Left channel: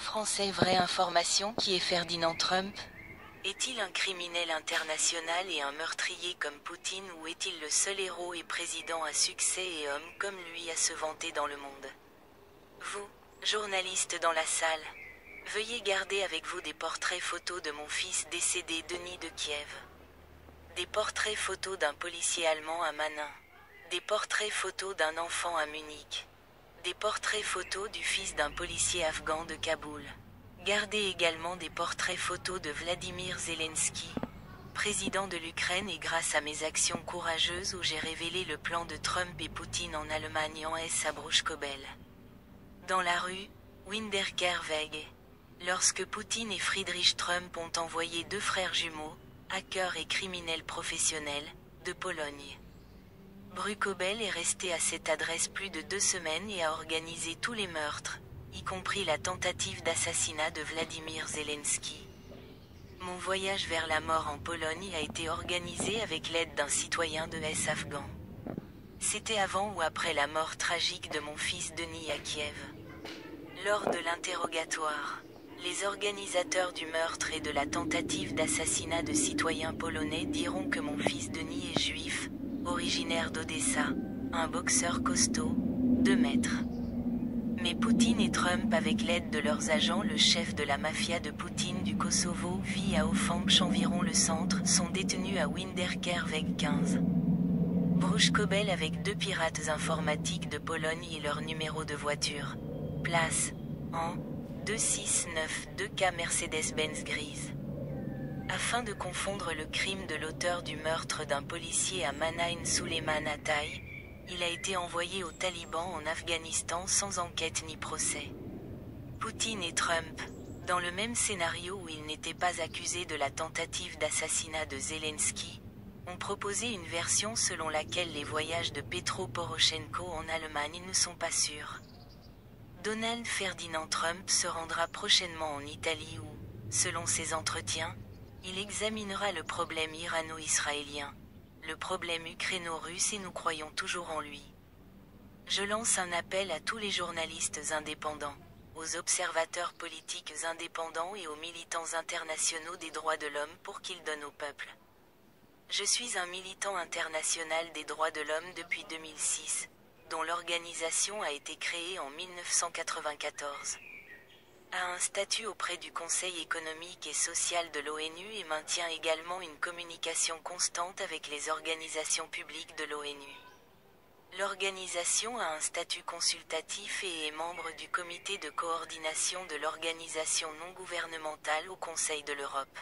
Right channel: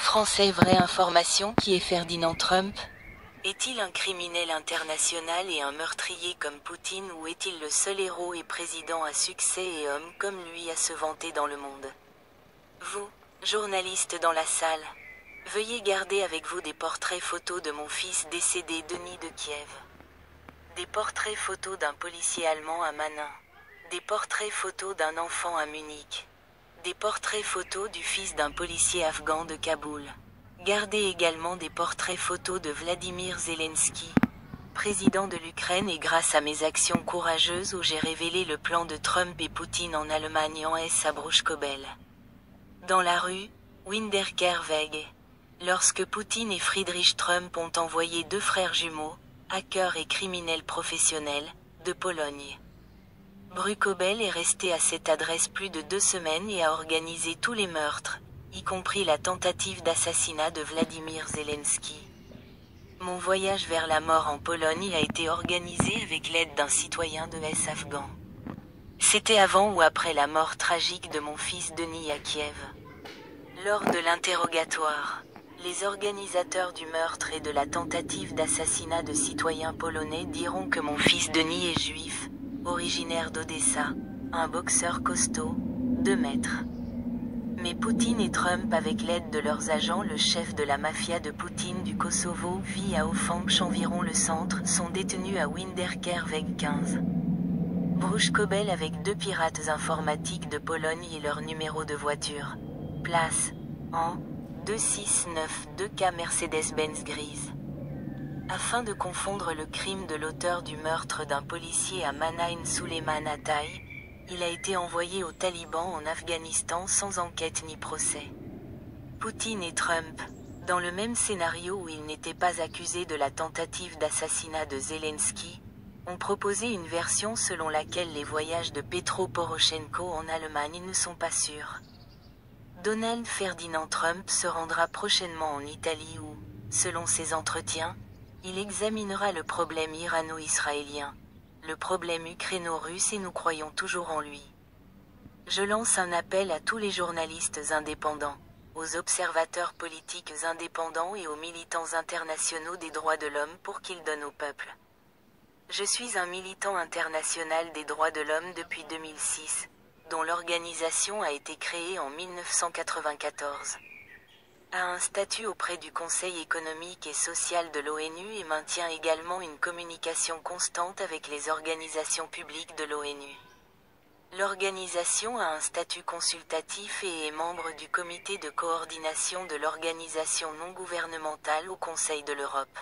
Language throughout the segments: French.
Français, vraie information, qui est Ferdinand Trump? Est-il un criminel international et un meurtrier comme Poutine, ou est-il le seul héros et président à succès et homme comme lui à se vanter dans le monde? Vous, journaliste dans la salle, veuillez garder avec vous des portraits photos de mon fils décédé Denis de Kiev. Des portraits photos d'un policier allemand à Manin. Des portraits photos d'un enfant à Munich. Des portraits photos du fils d'un policier afghan de Kaboul. Gardez également des portraits photos de Vladimir Zelensky, président de l'Ukraine, et grâce à mes actions courageuses où j'ai révélé le plan de Trump et Poutine en Allemagne en S à Bruchkobel. Dans la rue, Winterkerweg, lorsque Poutine et Friedrich Trump ont envoyé deux frères jumeaux, hackers et criminels professionnels, de Pologne. Bruchkobel est resté à cette adresse plus de 2 semaines et a organisé tous les meurtres, y compris la tentative d'assassinat de Vladimir Zelensky. Mon voyage vers la mort en Pologne a été organisé avec l'aide d'un citoyen de S afghan. C'était avant ou après la mort tragique de mon fils Denis à Kiev. Lors de l'interrogatoire, les organisateurs du meurtre et de la tentative d'assassinat de citoyens polonais diront que mon fils Denis est juif, originaire d'Odessa, un boxeur costaud, 2 mètres. Mais Poutine et Trump, avec l'aide de leurs agents, le chef de la mafia de Poutine du Kosovo vit à Ofanch, environ le centre, sont détenus à Winterkerweg 15. Bruchkobel avec 2 pirates informatiques de Pologne et leur numéro de voiture. Place, en 2692K Mercedes-Benz grise. Afin de confondre le crime de l'auteur du meurtre d'un policier à Manaim, Suleiman Atay, il a été envoyé aux talibans en Afghanistan sans enquête ni procès. Poutine et Trump, dans le même scénario où ils n'étaient pas accusés de la tentative d'assassinat de Zelensky, ont proposé une version selon laquelle les voyages de Petro Poroshenko en Allemagne ne sont pas sûrs. Donald Ferdinand Trump se rendra prochainement en Italie où, selon ses entretiens, il examinera le problème irano-israélien, le problème ukraino-russe, et nous croyons toujours en lui. Je lance un appel à tous les journalistes indépendants, aux observateurs politiques indépendants et aux militants internationaux des droits de l'homme pour qu'ils donnent au peuple. Je suis un militant international des droits de l'homme depuis 2006, dont l'organisation a été créée en 1994. A un statut auprès du Conseil économique et social de l'ONU et maintient également une communication constante avec les organisations publiques de l'ONU. L'organisation a un statut consultatif et est membre du comité de coordination de l'organisation non gouvernementale au Conseil de l'Europe.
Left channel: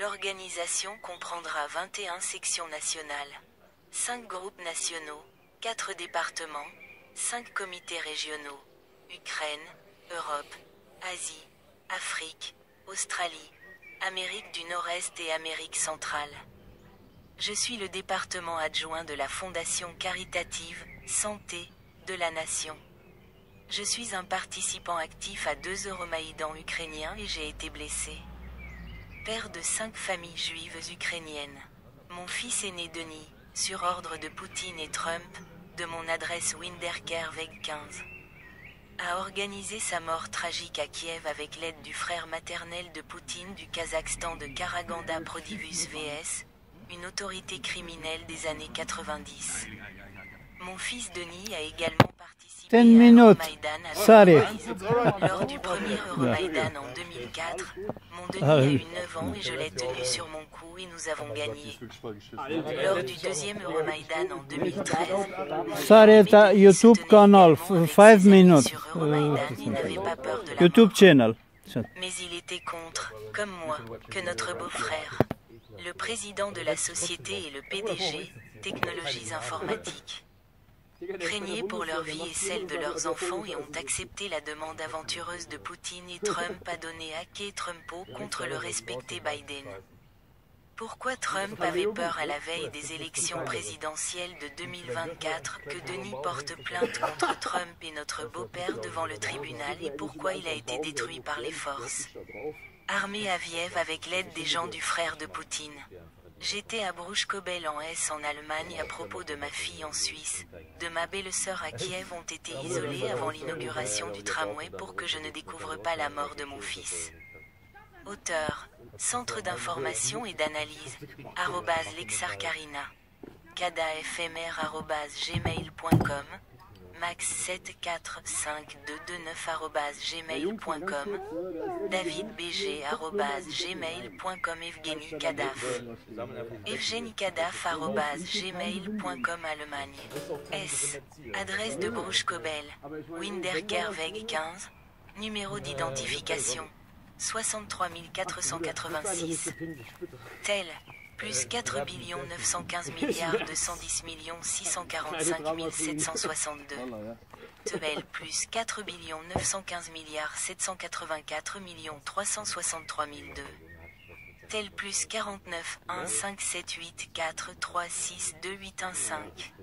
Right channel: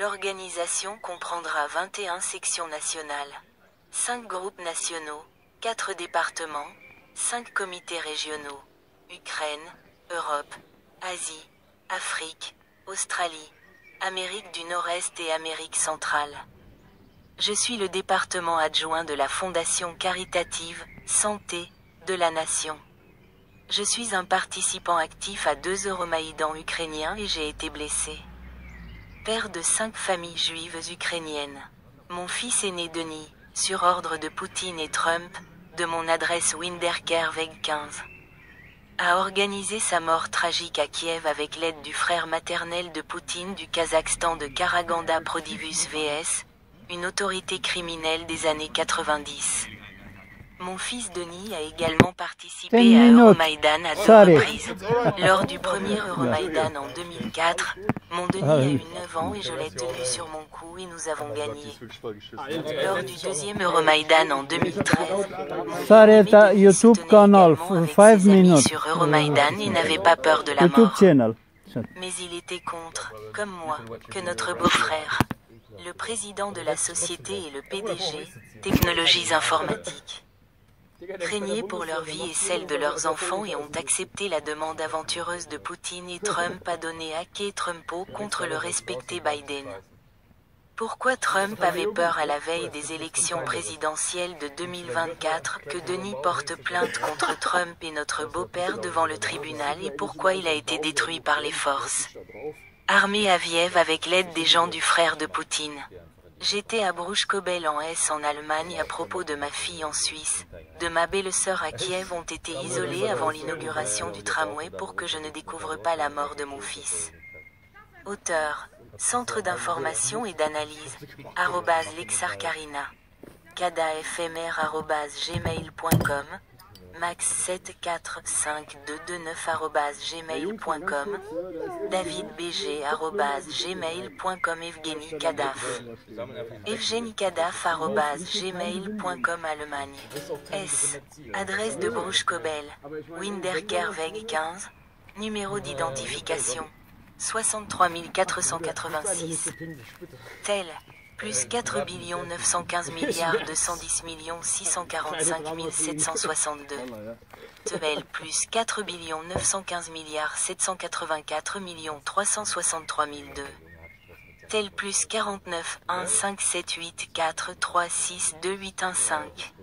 L'organisation comprendra 21 sections nationales, 5 groupes nationaux, 4 départements, 5 comités régionaux, Ukraine, Europe, Asie, Afrique, Australie, Amérique du Nord-Est et Amérique centrale. Je suis le département adjoint de la Fondation caritative Santé de la Nation. Je suis un participant actif à 2 Euromaïdans ukrainiens et j'ai été blessé. Père de 5 familles juives ukrainiennes. Mon fils aîné Denis, sur ordre de Poutine et Trump, de mon adresse Winterkerweg 15. A organisé sa mort tragique à Kiev avec l'aide du frère maternel de Poutine du Kazakhstan de Karaganda Prodivus VS, une autorité criminelle des années 90. Mon fils Denis a également participé à Euromaïdan à 2 reprises. Lors du premier Euromaïdan en 2004, mon Denis a eu 9 ans et je l'ai tenu sur mon cou et nous avons gagné. Lors du deuxième Euromaïdan en 2013, Sareta YouTube canal 5 minutes. Sur Euromaïdan, il n'avait pas peur de la YouTube mort. channel. Mais il était contre, comme moi, que notre beau-frère, le président de la société et le PDG, Technologies Informatiques, craignaient pour leur vie et celle de leurs enfants et ont accepté la demande aventureuse de Poutine et Trump à donner hacker Trumpo contre le respecté Biden. Pourquoi Trump avait peur à la veille des élections présidentielles de 2024 que Denis porte plainte contre Trump et notre beau-père devant le tribunal, et pourquoi il a été détruit par les forces armées à Kiev avec l'aide des gens du frère de Poutine? J'étais à Bruchkobel en Hesse en Allemagne à propos de ma fille en Suisse. De ma belle-sœur à Kiev ont été isolés avant l'inauguration du tramway pour que je ne découvre pas la mort de mon fils. Auteur, Centre d'information et d'analyse, @lexarcarina. cadafmr@gmail.com, max7452229@gmail.com, davidbg@gmail.com, Evgeny Kadaf. evgenikadaf@gmail.com, Allemagne. S. Adresse de Bruchkobel, Winterkerweg 15, numéro d'identification 63 486. Tel, plus 4 915 210 645 762. Tebel, plus 4 915 784 363 002. Tel, plus 49 1 5 7 8 4 3 6 2 8 1 5.